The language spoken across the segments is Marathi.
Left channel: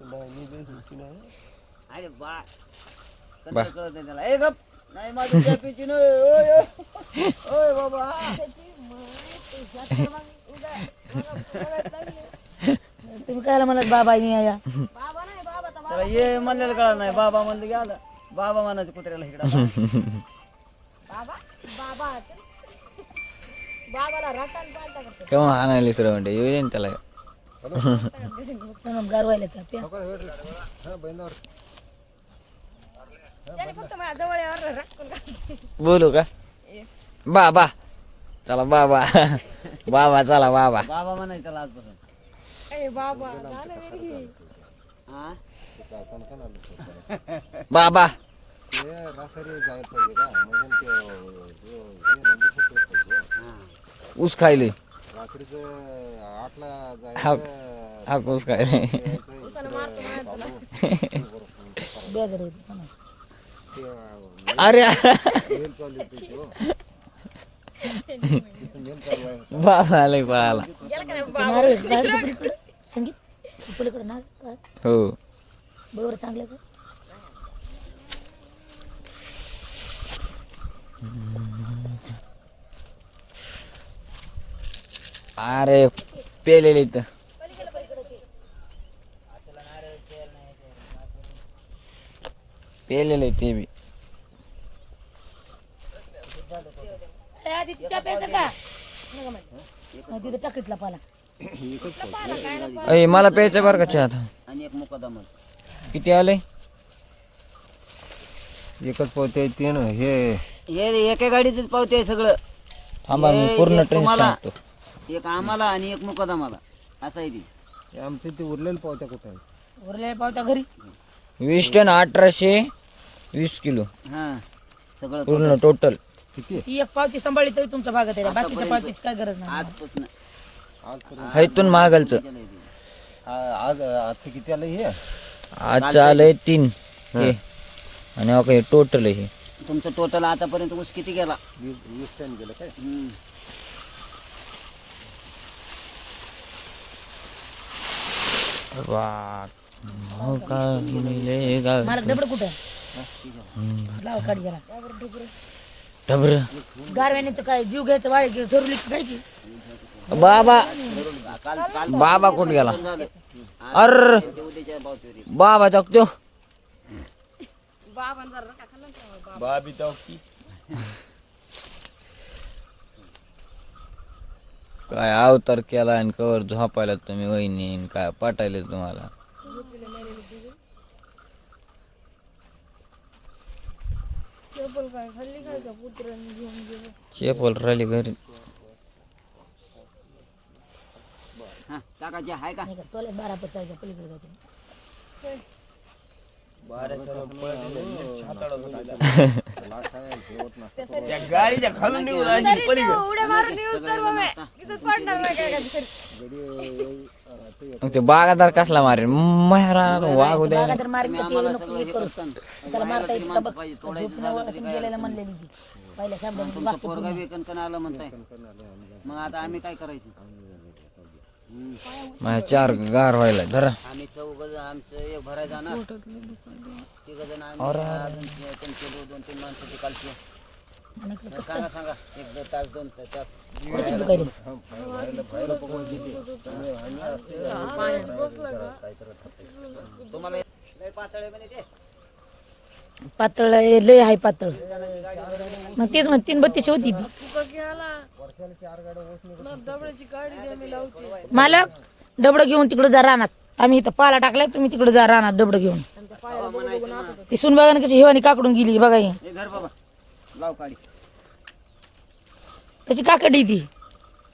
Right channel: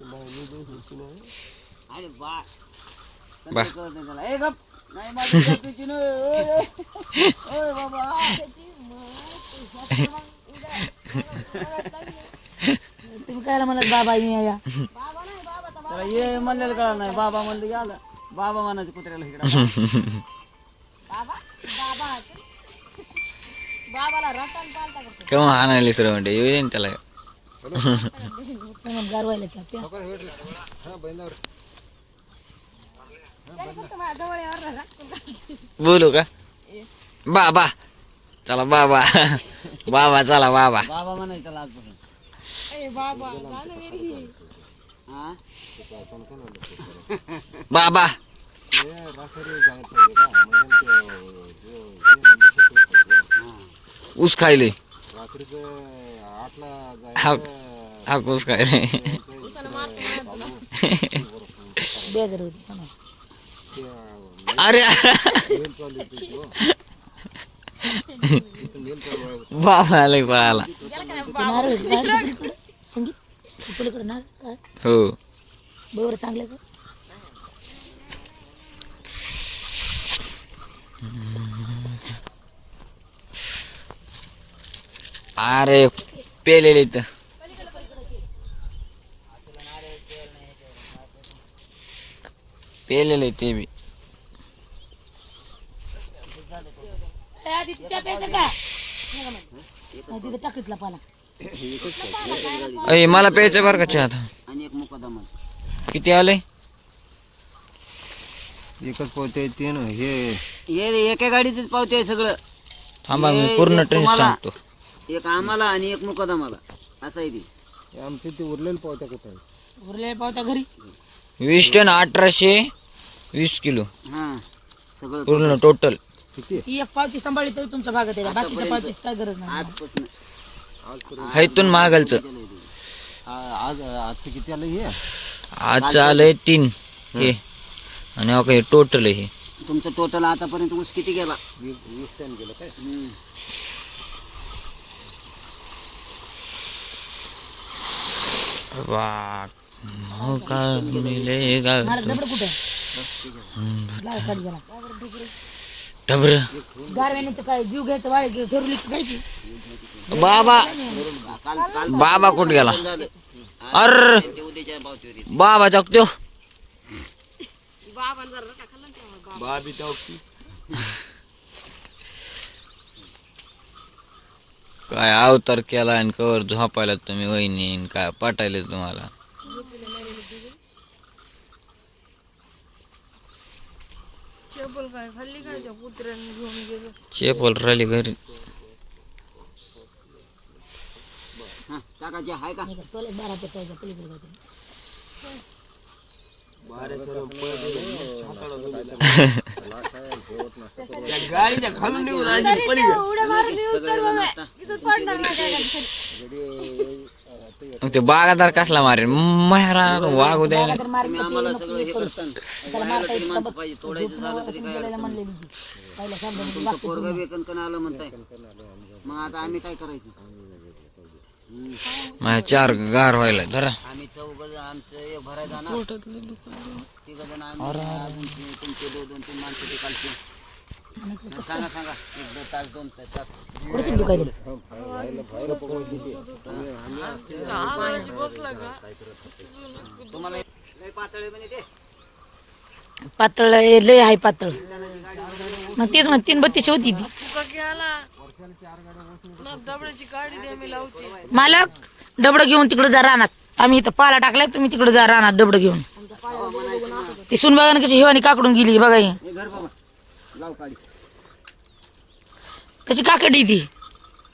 अरे बा बा. कळत नाही त्याला. ए गप नाही माझी कॅपीची नाही. ओय ओय. ओय बाबा तुम्ही काय म्हणत बाबा या त्याला ये म्हणलेलं कळत नाही. बाबा म्हणलं की आलं. बाबा म्हणायचं कुत्र्याला इकडं. बाबाला रटण चालता करतो केव्हा आणायला सर म्हणते येऊ दे ना त्याला. गारवायला चाप्या बोलू का बाबा चला बाबा बाबा चला बाबा बाबा म्हणायचं त्याला आजपासून. हा बाबा ऊस खायले हा हा ऊस खायले बेजार होती अरे बाबा आले पळाला संगीत पलीकडे ना काय हो बरोबर चांगलं का अरे पेलेले इथं पेलेले ते बी तिथं टाकीतला पाला अय मला प्यायचं बरं का चहा आता. आणि एक मुकदमा किती आले एकच पोते ते ना हे हे एका गाडीच पावते आहे सगळं. थांबा मी पूर्ण ट्रेन सांगतो. एक आम्हाला आणि एक मुकदमाला असं आहे ती. आमचं ते उरलेलं पावत्या कसं उरले पावता घरी 20 टन 1820 किलो हा सगळं पूर्ण टोटल. किती ही एक पावती सांभाळली तरी तुमच्या भागात आहे बाकीच्या पावतीची काय गरज नाही आजपासून हैतून मागलचं आज आजचं किती आलं हे आजचं आलंय 3 हे आणि हे टोटल आहे हे. तुमचं टोटल आतापर्यंत ऊस किती गेला? 20 टन गेलं काय वा मौका मिलेगा मला डबड कुठे लाव काढ गेला डबर गारव्याने तर काय जीव घ्यायचं वाय ठरवली काय की बाबा बाबा कुठे गेला अर बाबा जगतो बाबी काय अवतार केला आणि कवर झोपायला तुम्ही वहिनी आणि काय पाठायला तुम्हाला चेपल राहिली घरी हा काकाची आहे का? तोले 12 ते पाहिजे पलीकडे जाते गाडीच्या खालून निघून मग ते बागादार कसला मारे मारा वागू द्यायला तर मार्ग ते नको हे करू त्याला मारता येत का बघ झोपण्यावर गेलेला म्हणलेली ती पहिल्या शब्दामध्ये वाक्य पोरगा वेकन कन आलं म्हणताय. मग आता आम्ही काय करायचं? माझ्या 4 गार व्हायला जरा आम्ही चौघ आमचं एक भराय जाणार 3 जण आम्ही तुमचे 2-3 माणसं तिकडचे. सांगा सांगा 1-2 तास 2 तास कशी दुखायला तुम्हाला लय पातळ आहे म्हणे ते. पातळ लय आहे पातळ मग तेच मग 332 होती ती मालक डबडं घेऊन तिकडे जा रानात आम्ही इथं पाला टाकलाय तुम्ही तिकडे जा रानात डबडं घेऊन ती सुनबागाने कशी हिवानी काकडून गेली बघा ही हे घर बाबा लाव काढी. कशी काकडी ती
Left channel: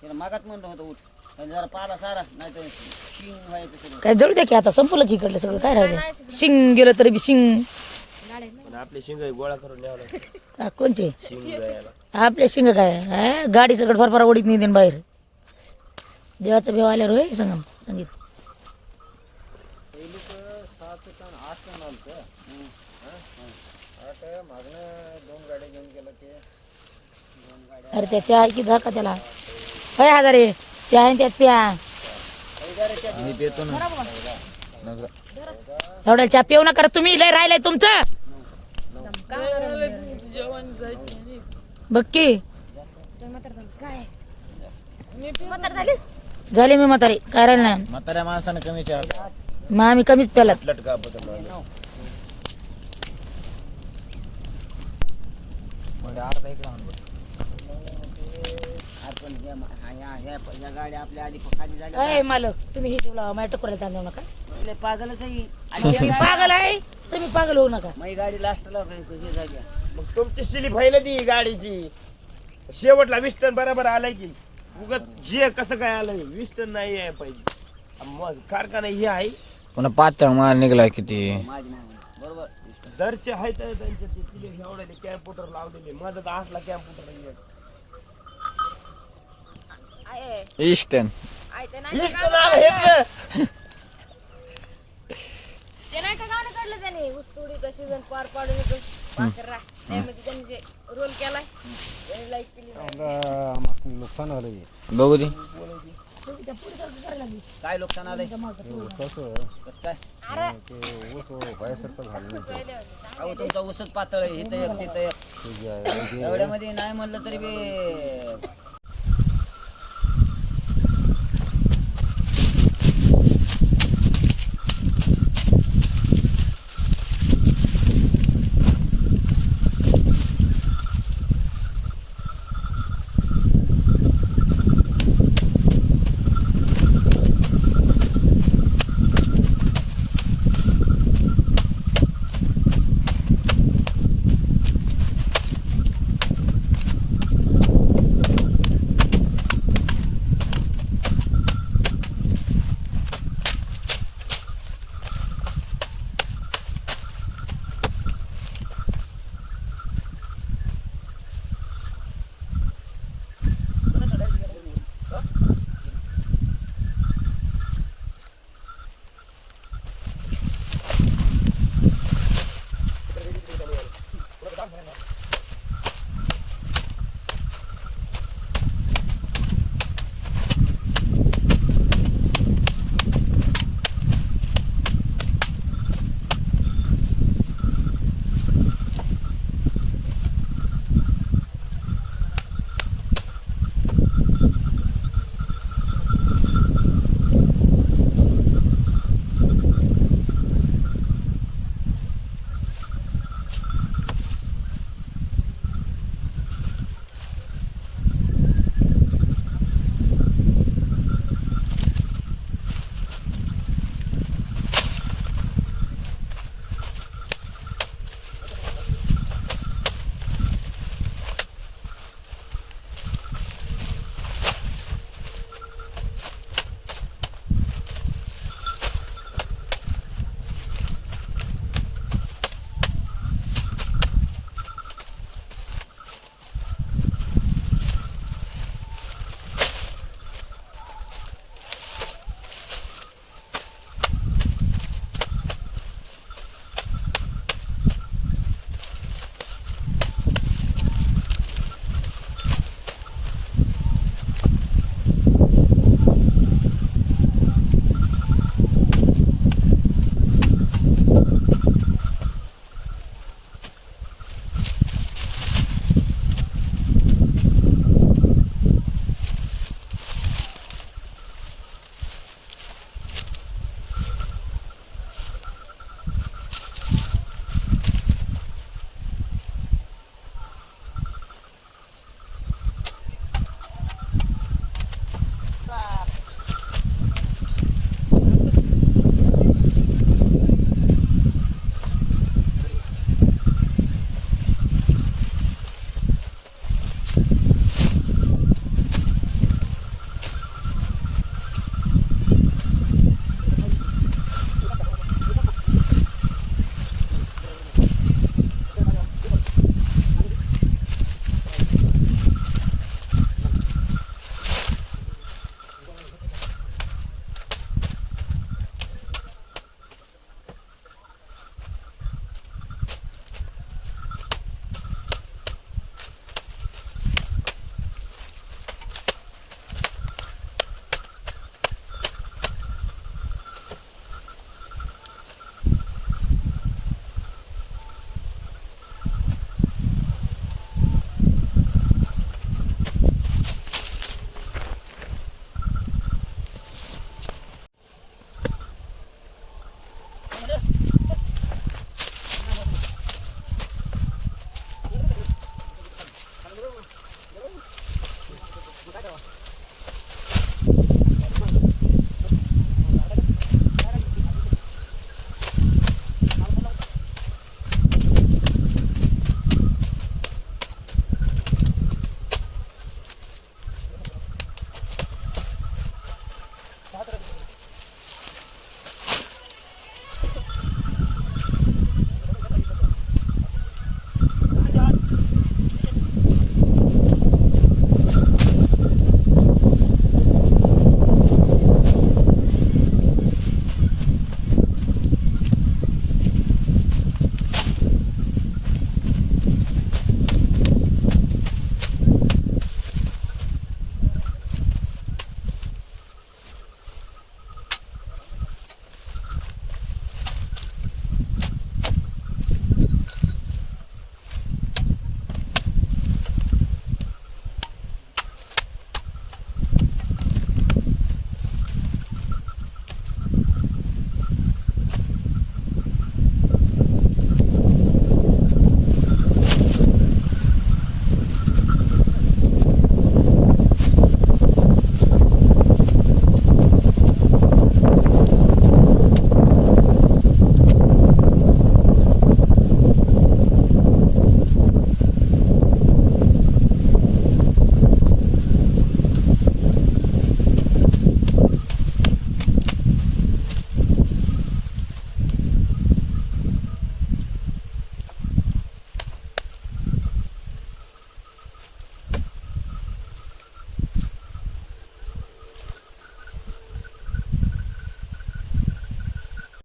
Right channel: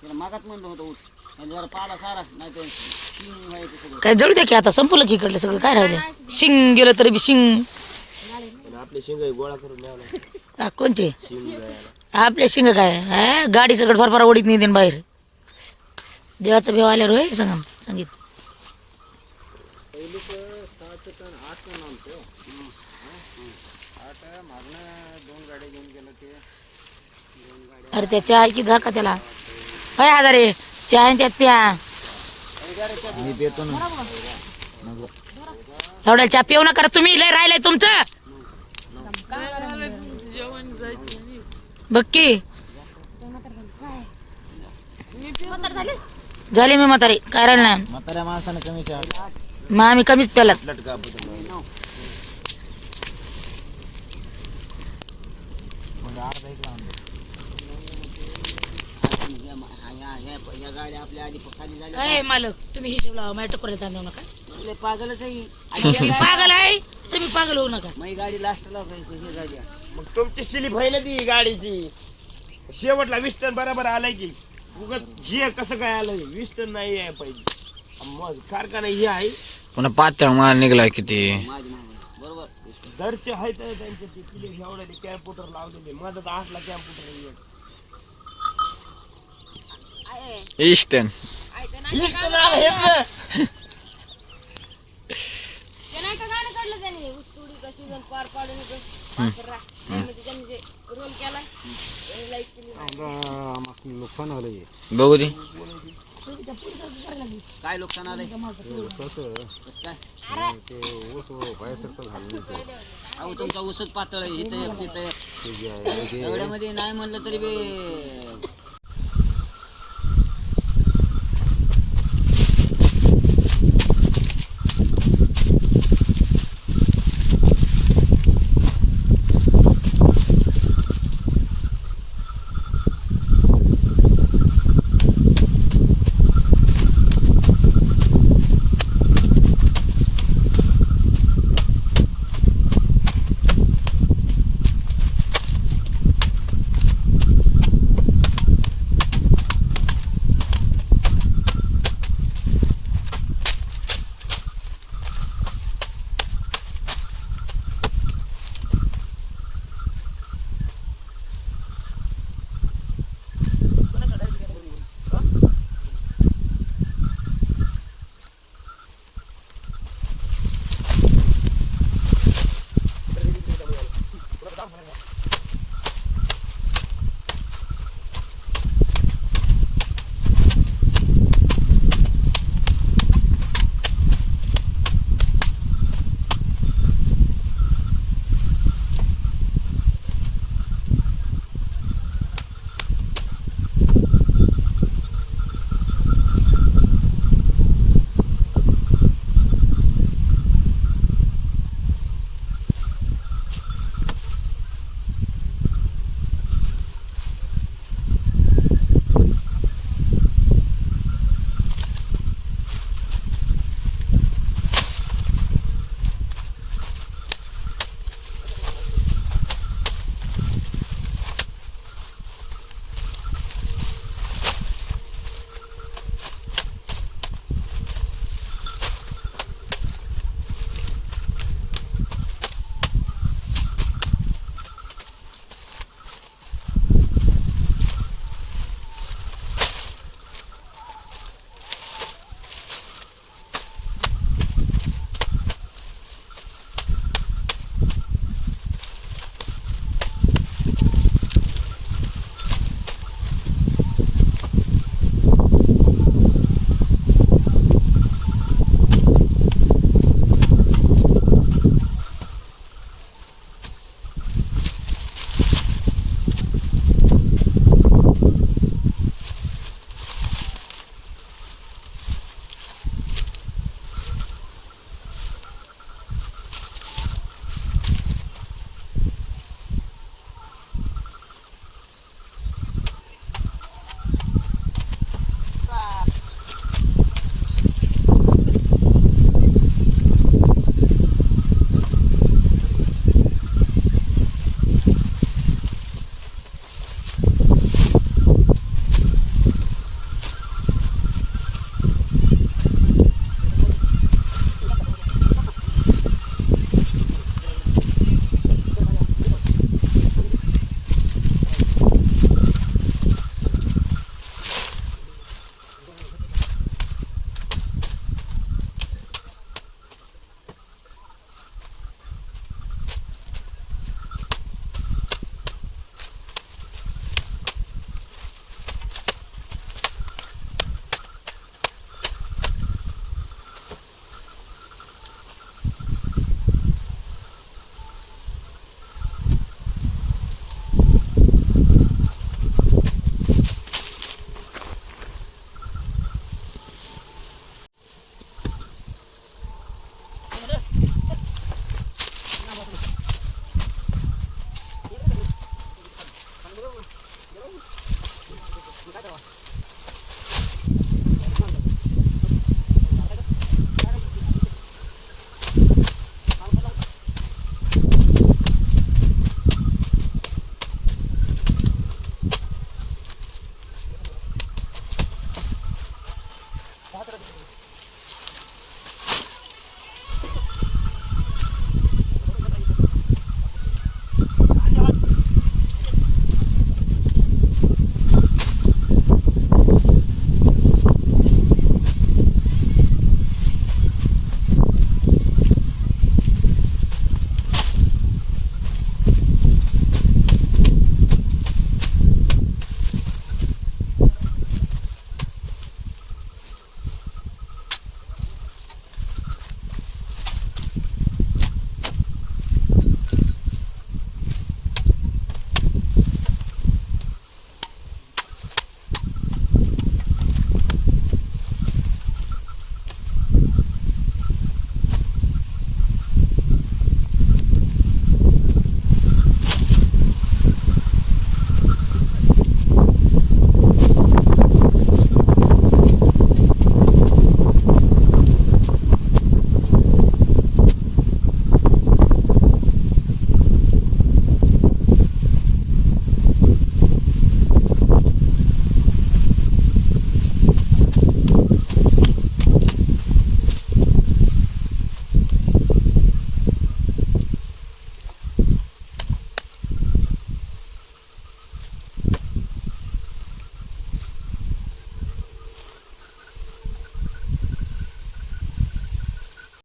त्याला मागात म्हणलं होतं ऊस आणि जरा पाला सारा नाही तर शिंग व्हायचं सगळं. काय जळू द्या की आता संपलं की इकडलं सगळं काय राहिलं शिंग गेलं तरी बी शिंग आपले शिंग गोळा करून न्यावं कोणचे आपले शिंग काय हा गाडी सगळं फार ओढीत नाही देन बाहेर देवाचा भेव आल्यावर होय संगम संगीत अरे त्या चहा की झाका त्याला अय हजारे चहा आहे त्यात प्या एवढ्या चहा पिऊ नका रे तुम्ही, लय राहिलंय तुमचं. बघ की झाली मी म्हातारी, काय राहिलं नाही. म्हाताऱ्या माणसाने कमी चहा मग आम्ही कमीच प्यालात. लटका बदल या गाड्या आपल्या आधी खाली झाल्या मालक तुम्ही हिशोब लावा, माझ्या टकोऱ्यात आणू नका. लय पागलच आहे तुम्ही पागल आहे, तुम्ही पागल होऊ नका. मग गाडी लास्टला हे झाली. मग तुमची स्लिप आहे ना ती गाडीची, शेवटला 20 टन बरोबर आलाय की उगत हे कसं काय आलंय? 20 टन नाही आहे पाहिजे. मग कारखाना हे आहे पुन्हा पातळ माल निघलाय किती. माझी मागणी बरोबर. दरचे आहेत त्यांचे ते किले एवढे ते कॅम्प्युटर लावलेले. माझा तर असला कॅम्प्युटर ईस्टर्न बघू दे. काय नुकसान आलंय कसं काय? अहो तुमचा ऊसच पातळ आहे, इथं एक तिथं एक. एवढ्यामध्ये नाही म्हणलं तरी बी